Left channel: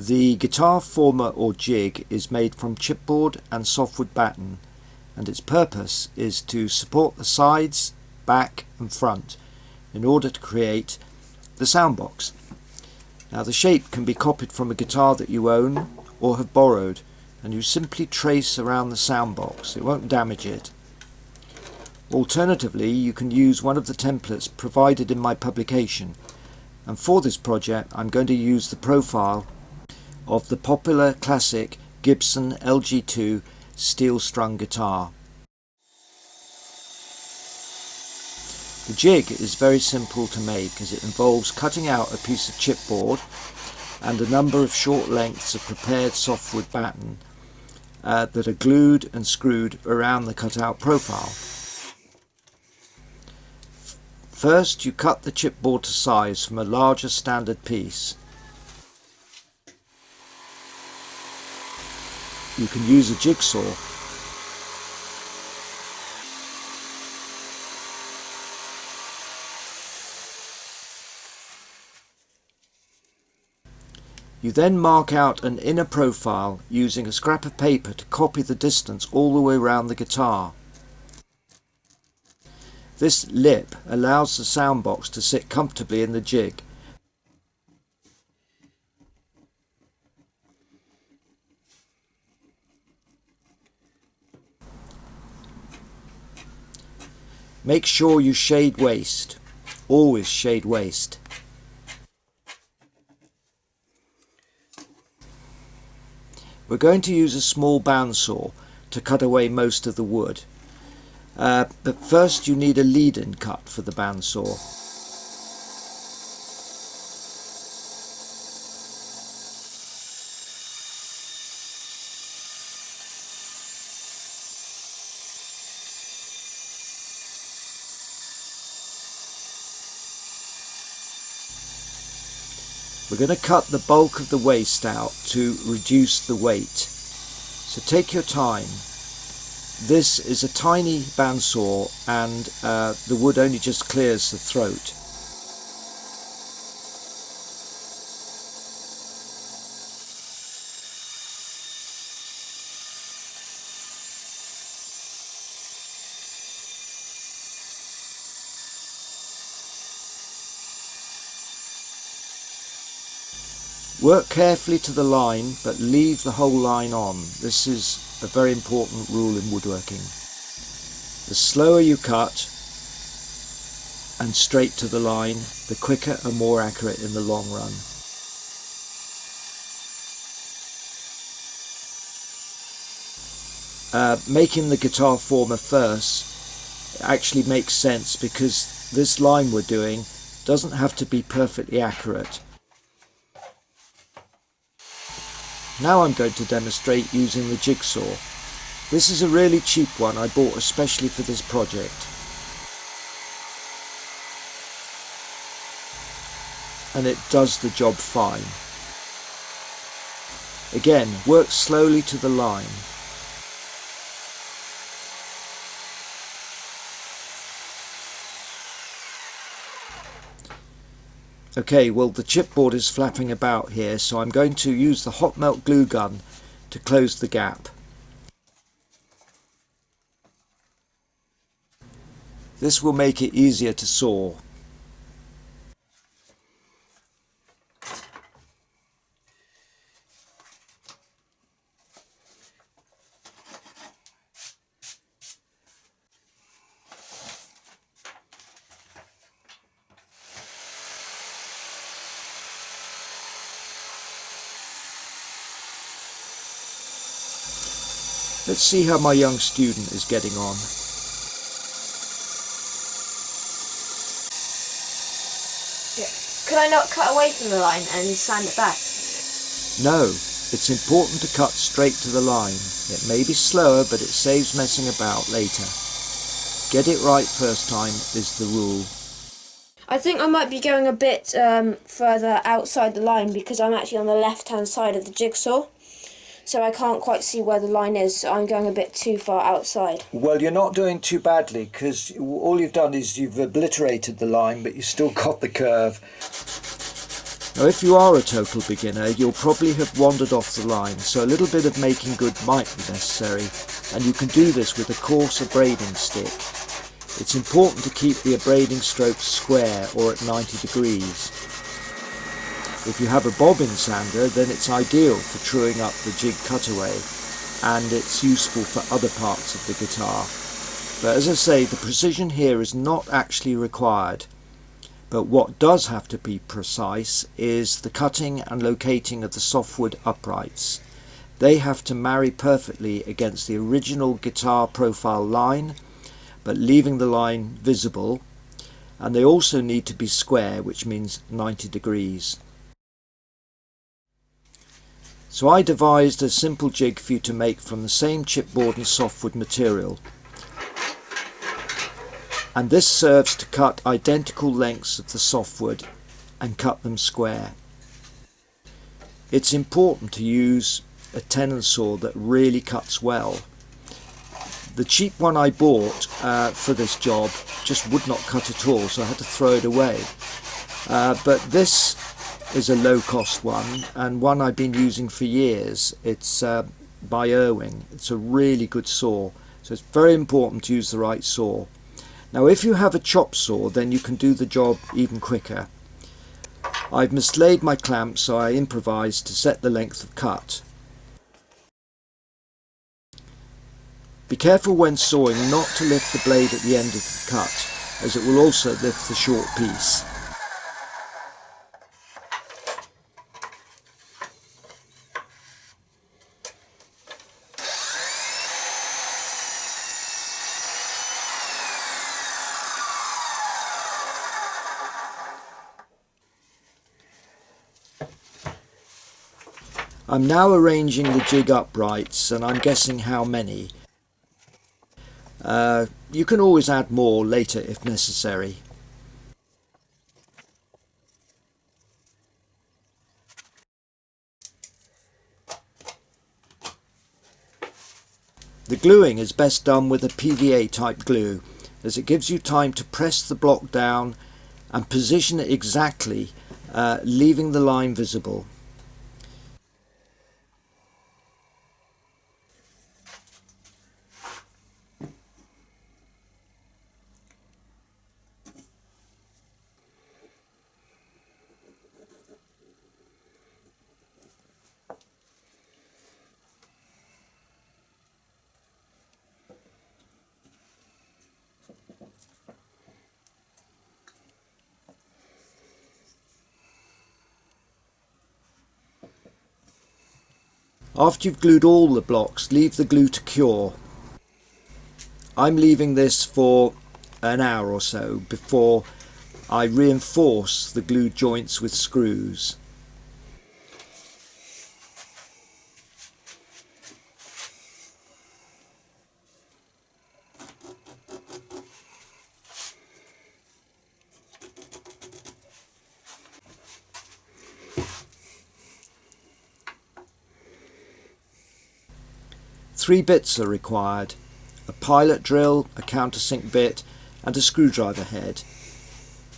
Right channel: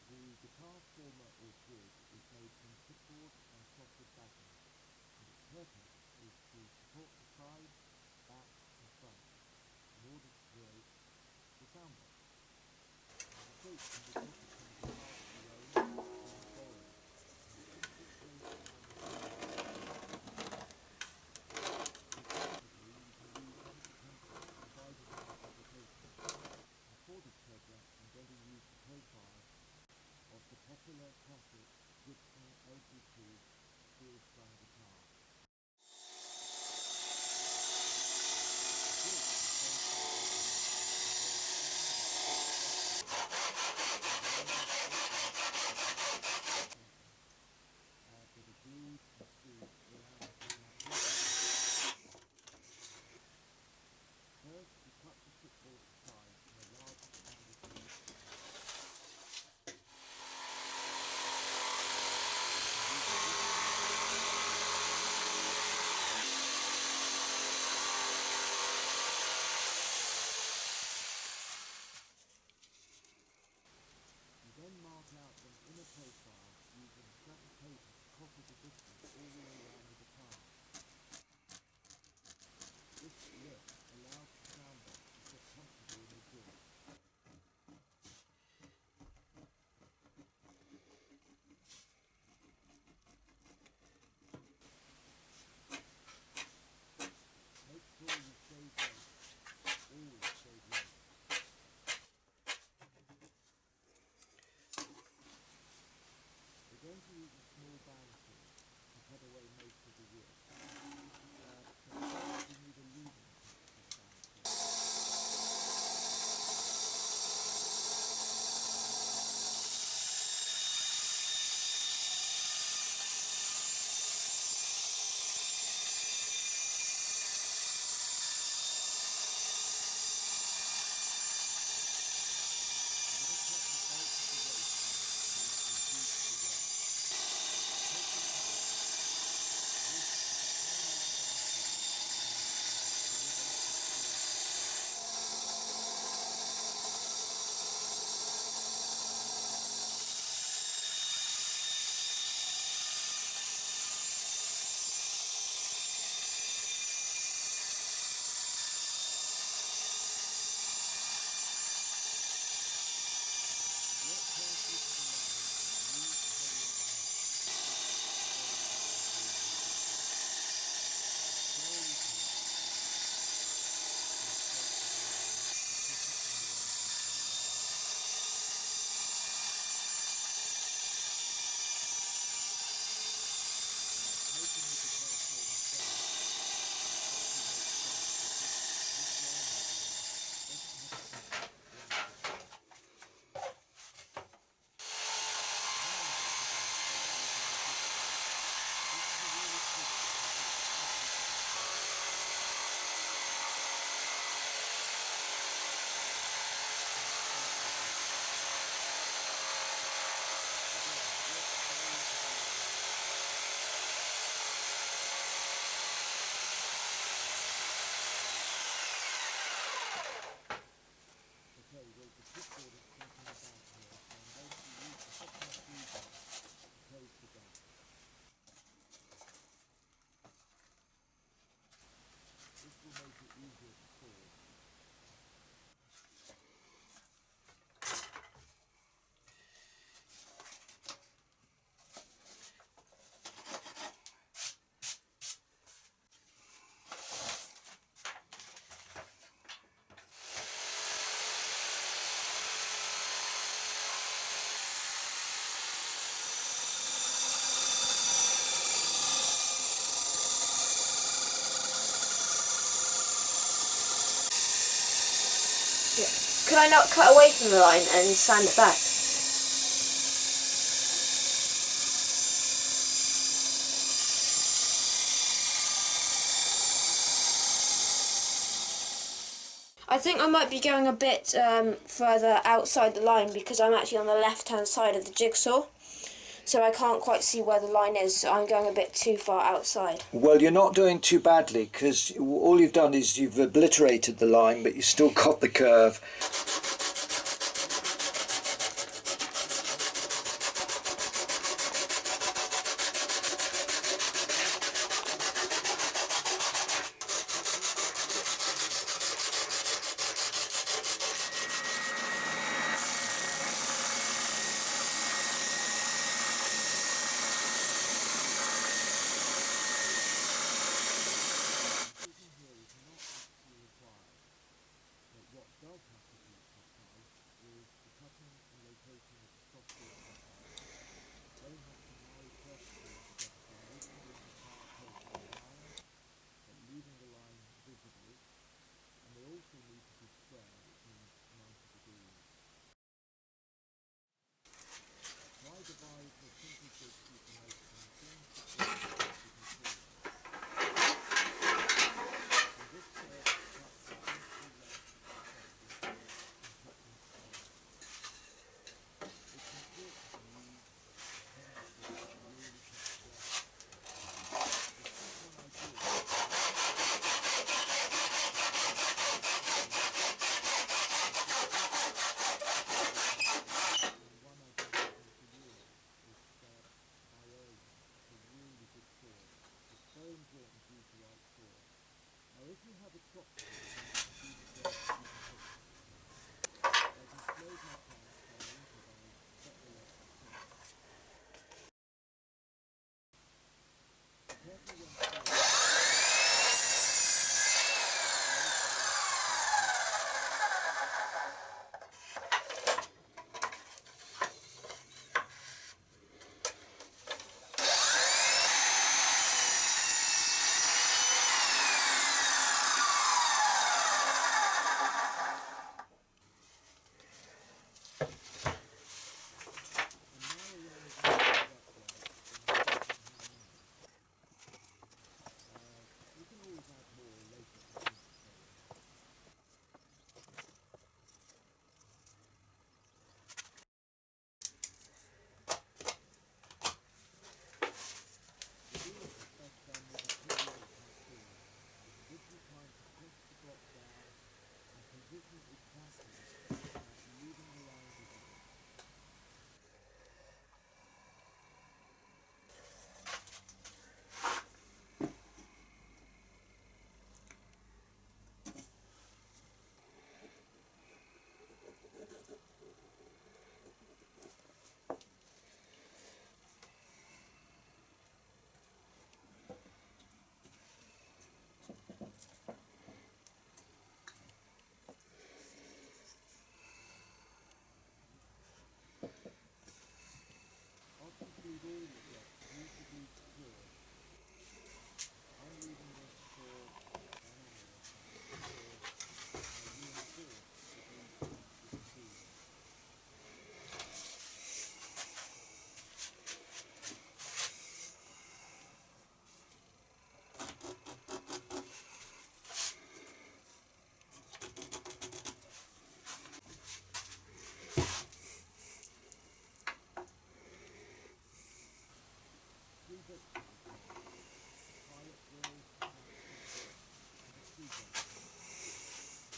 The guitar former or jig is made from chipboard and softwood batten, and its purpose is to support the sides, back and front in order to create the soundbox. Now the shape can be copied from a guitar that you own or have borrowed, and you simply trace around the soundbox. It won't damage it. Alternatively, you can use one of the templates provided in my publication, and for this project I'm going to use the profile of the popular classic Gibson LG2 steel strung guitar. The jig is very simple to make, as it involves cutting out a piece of chipboard and a number of short lengths of prepared softwood batten that are glued and screwed around the cutout profile. First, you cut the chipboard to size from a larger standard piece. You can use a jigsaw. You then mark out an inner profile using a scrap of paper to copy the distance all the way around the guitar. This lip allows the soundbox to sit comfortably in the jig. Make sure you shade waste. Always shade waste. We're going to use a small bandsaw to cut away most of the wood. But first you need a lead-in cut for the bandsaw. We're going to cut the bulk of the waste out to reduce the weight. So take your time. This is a tiny bandsaw and the wood only just clears the throat. Work carefully to the line, but leave the whole line on. This is a very important rule in woodworking. The slower you cut and straight to the line, the quicker and more accurate in the long run. Making the guitar former first actually makes sense, because this line we're doing doesn't have to be perfectly accurate. Now I'm going to demonstrate using the jigsaw. This is a really cheap one I bought especially for this project. And it does the job fine. Again, work slowly to the line. Okay, well the chipboard is flapping about here, so I'm going to use the hot melt glue gun to close the gap. This will make it easier to saw. Let's see how my young student is getting on. Yeah. Could I not cut away from the line and sand it back? No, it's important to cut straight to the line. It may be slower, but it saves messing about later. Get it right first time is the rule. I think I might be going a bit further outside the line, because I'm actually on the left-hand side of the jigsaw. So I can't quite see where the line is, so I'm going a bit too far outside. Well, you're not doing too badly, because all you've done is you've obliterated the line, but you've still got the curve. Now if you are a total beginner, you'll probably have wandered off the line, so a little bit of making good might be necessary, and you can do this with a coarse abrading stick. It's important to keep the abrading strokes square or at 90 degrees. If you have a bobbin sander, then it's ideal for truing up the jig cutaway, and it's useful for other parts of the guitar. But as I say, the precision here is not actually required. But what does have to be precise is the cutting and locating of the softwood uprights. They have to marry perfectly against the original guitar profile line, but leaving the line visible, and they also need to be square, which means 90 degrees. So I devised a simple jig for you to make from the same chipboard and softwood material. And this serves to cut identical lengths of the softwood and cut them square. It's important to use a tenon saw that really cuts well. The cheap one I bought for this job just would not cut at all, so I had to throw it away. But this is a low-cost one, and one I've been using for years. It's by Irwin. It's a really good saw, so it's very important to use the right saw. Now if you have a chop saw, then you can do the job even quicker. I've mislaid my clamp, so I improvised to set the length of cut. Be careful when sawing not to lift the blade at the end of the cut, as it will also lift the short piece. I'm now arranging the jig uprights, and I'm guessing how many. You can always add more later if necessary. The gluing is best done with a PVA type glue, as it gives you time to press the block down and position it exactly, leaving the line visible. After you've glued all the blocks, leave the glue to cure. I'm leaving this for an hour or so before I reinforce the glue joints with screws. Three bits are required: a pilot drill, a countersink bit and a screwdriver head.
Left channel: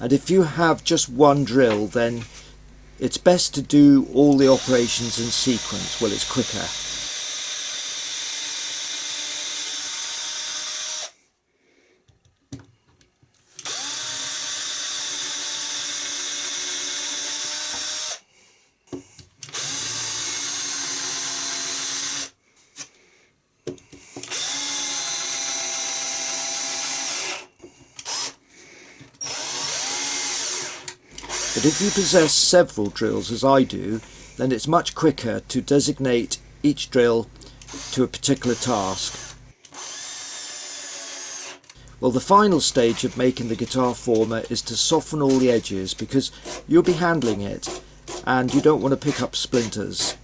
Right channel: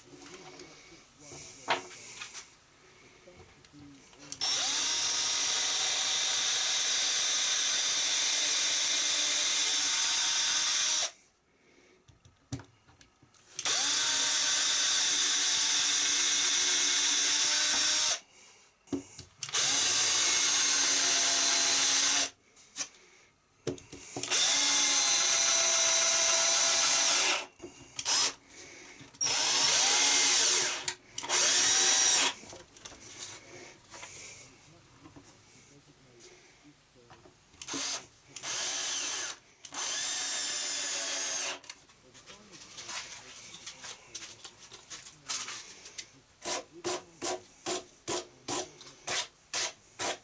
And if you have just one drill, then it's best to do all the operations in sequence. Well, it's quicker. But if you possess several drills, as I do, then it's much quicker to designate each drill to a particular task. Well, the final stage of making the guitar former is to soften all the edges, because you'll be handling it and you don't want to pick up splinters.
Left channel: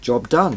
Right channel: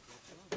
Job done.